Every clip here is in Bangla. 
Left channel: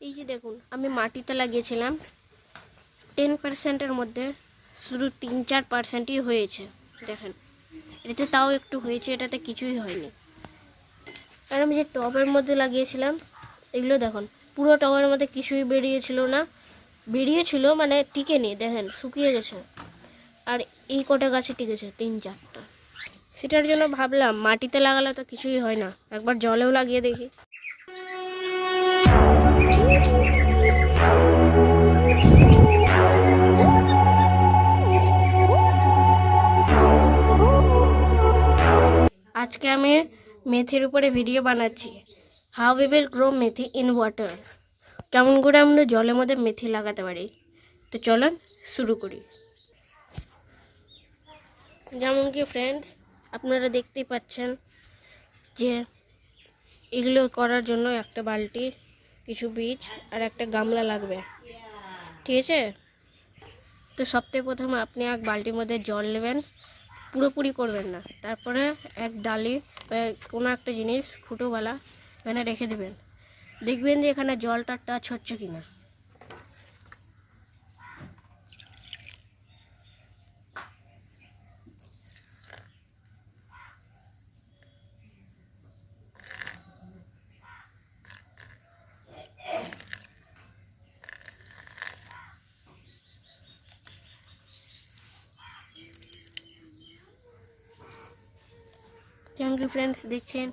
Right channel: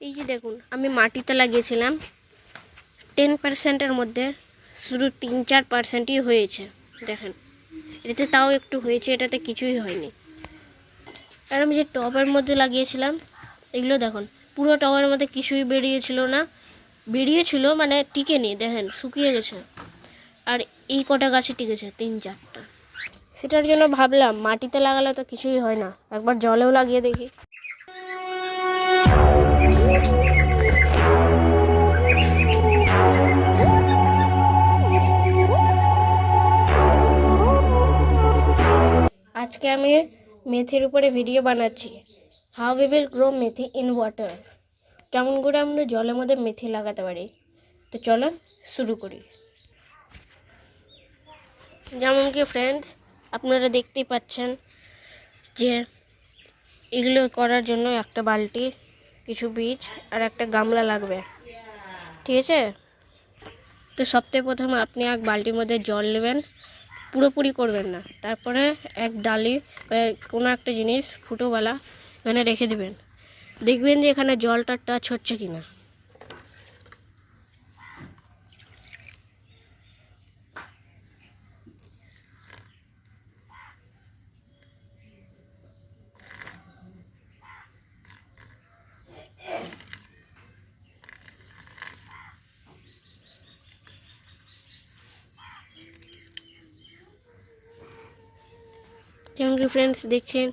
এই যে দেখুন, আমি মাটিতে লাগিয়েছিলাম 10%-এর মধ্যে শুধু 3-4%ই হয়েছে। দেখেন, এটাতে তাও একটু হয়েছে, এটাতে কিছুই হয়নি। আর আমি যে টবের মধ্যে লাগিয়েছিলাম, এগুলো দেখুন, পুরো টবের মধ্যে কিছুই বেরিয়েছিল না, বেরিয়েছিল মানে টিকেনি, দেখেন শুকিয়ে গেছে। আর এই কটা গাছে টিকেছে 3-4টা। সেটার জন্য ভাবলাম মাটিতে লাগালে তো কিছুই হয় না, একবার জলেও লাগিয়ে দেখি। আজকে আমি মেথির উপরে ভিডিও বানাচ্ছি, how we will grow methi in water. কেমন করে আমরা জলের মধ্যে মেথি লাগাতে পারি। তো চলেন শুরু করি। যেমন কি ফ্রেন্ডস, আপনারা দেখতেই পাচ্ছেন যে এগুলো করার জন্য একটা বালতি, কিছু বীজ আর একটা গামলা লাগবে, ঠিক আছে? তো সবথেকে প্রথমে আপনি এক বালতির মধ্যে জল নেবেন, পুরোপুরি করবেন না। তারপরে এক ডালি কোনো একটা জিনিস ফুটোওয়ালা এখানে রেখে দেবেন, দেখবেন যে এখানে জলটা টাচ হচ্ছে কিনা। যেমন কি ফ্রেন্ডস দেখছেন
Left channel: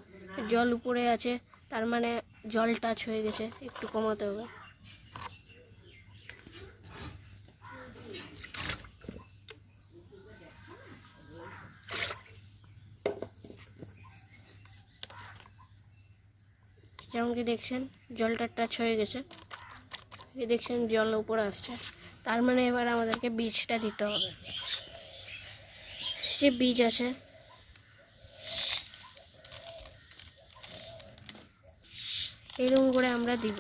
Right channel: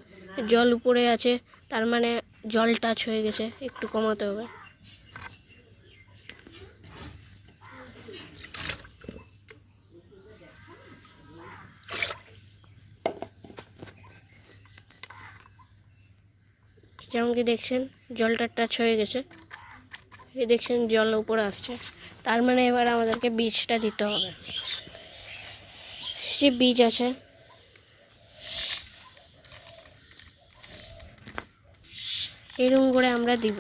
জল উপরে আছে, তার মানে জল টাচ হয়ে গেছে, একটু কমাতে হবে। যেমন কি দেখছেন জলটা টাচ হয়ে গেছে, এই দেখছেন জল উপরে আসছে, তার মানে এবার আমাদেরকে বীজটা দিতে হবে। যে বীজ আছে এরকম করে আমরা দিব।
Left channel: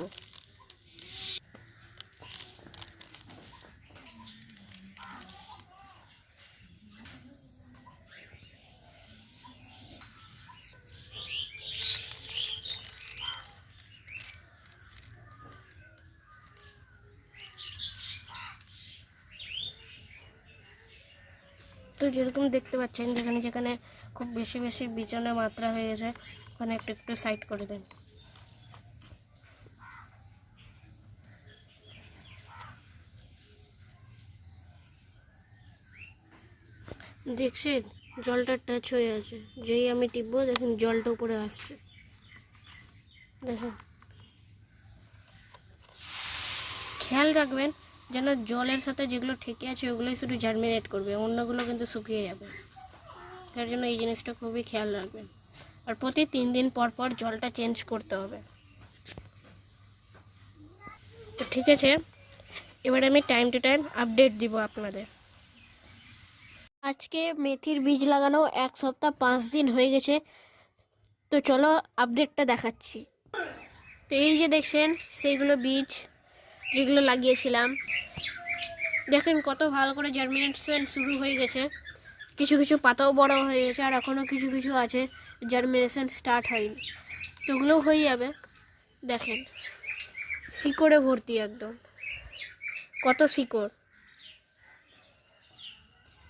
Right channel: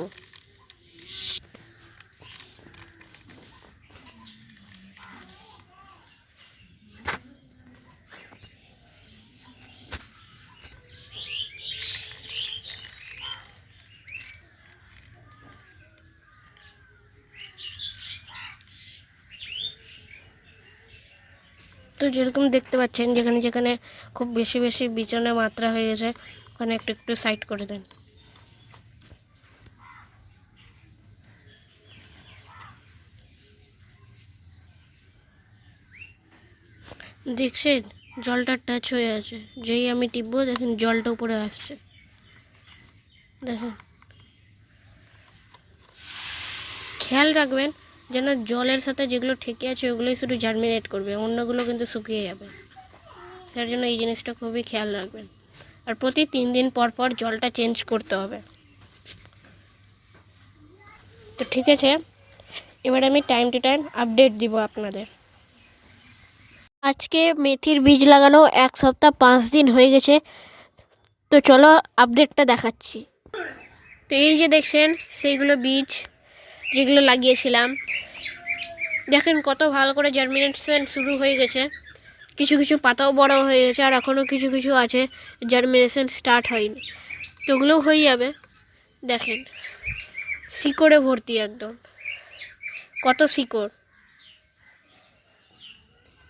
তো যেরকম দেখতে পাচ্ছেন, যেখানে যেখানে খুব বেশি বেশি বীজনের মাত্রা হয়ে গেছে ওখানে একটু একটু সাইড করে দেন। দেখছেন জলটা টাচ হয়ে আছে, যেই আমি টিপবো দেখুন জলটা উপরে আসছে। দেখুন, খেয়াল রাখবেন যেন জলের সাথে যেগুলো ঠেকে আছে ওগুলোই শুধু জার্মিনেট করবে, অন্যগুলো কিন্তু শুকিয়ে যাবে। তার জন্য এই জিনিসটা খুবই খেয়াল রাখবেন। আর প্রতি 3 দিন পর পর জলটা চেঞ্জ করতে হবে। তো ঠিক আছে, এবার আমি টাইম টু টাইম আপডেট দিব আপনাদের। আজকে মেথির বীজ লাগানো 1 সপ্তাহ 5 দিন হয়ে গেছে। তো চলো আপডেটটা দেখাচ্ছি। তো এই যে দেখছেন সেইগুলো বীজ যেগুলো লাগিয়েছিলাম, দেখেন কত ভালো করে জার্মিনেশন শুরু হয়ে গেছে। কিছু কিছু পাতাও বড় হয়ে গেছে, আর এখনও কিছু কিছু আছে জার্মিনেশন স্টার্ট হয়নি, তো ওগুলোও হয়ে যাবে। দেখেন শিকড়ে ভর্তি, একদম কত শিকড়।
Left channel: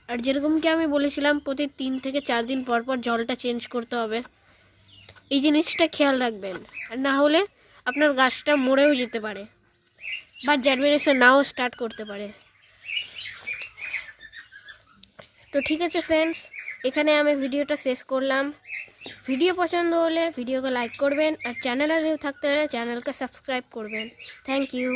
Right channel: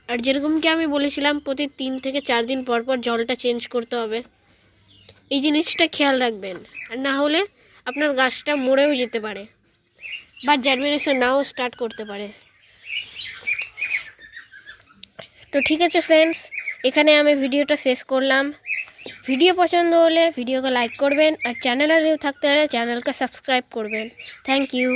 আর যেরকম কি আমি বলেছিলাম প্রতি 3 থেকে 4 দিন পর পর জলটা চেঞ্জ করতে হবে, এই জিনিসটা খেয়াল রাখবেন। আর না হলে আপনার গাছটা মরেও যেতে পারে বা জার্মিনেশন নাও স্টার্ট করতে পারে। তো ঠিক আছে ফ্রেন্ডস, এখানে আমি ভিডিওটা শেষ করলাম। ভিডিও পছন্দ হলে ভিডিওকে লাইক করবেন, আর চ্যানেলে নিউ থাকতে হলে চ্যানেলকে সাবস্ক্রাইব করবেন। Thank you.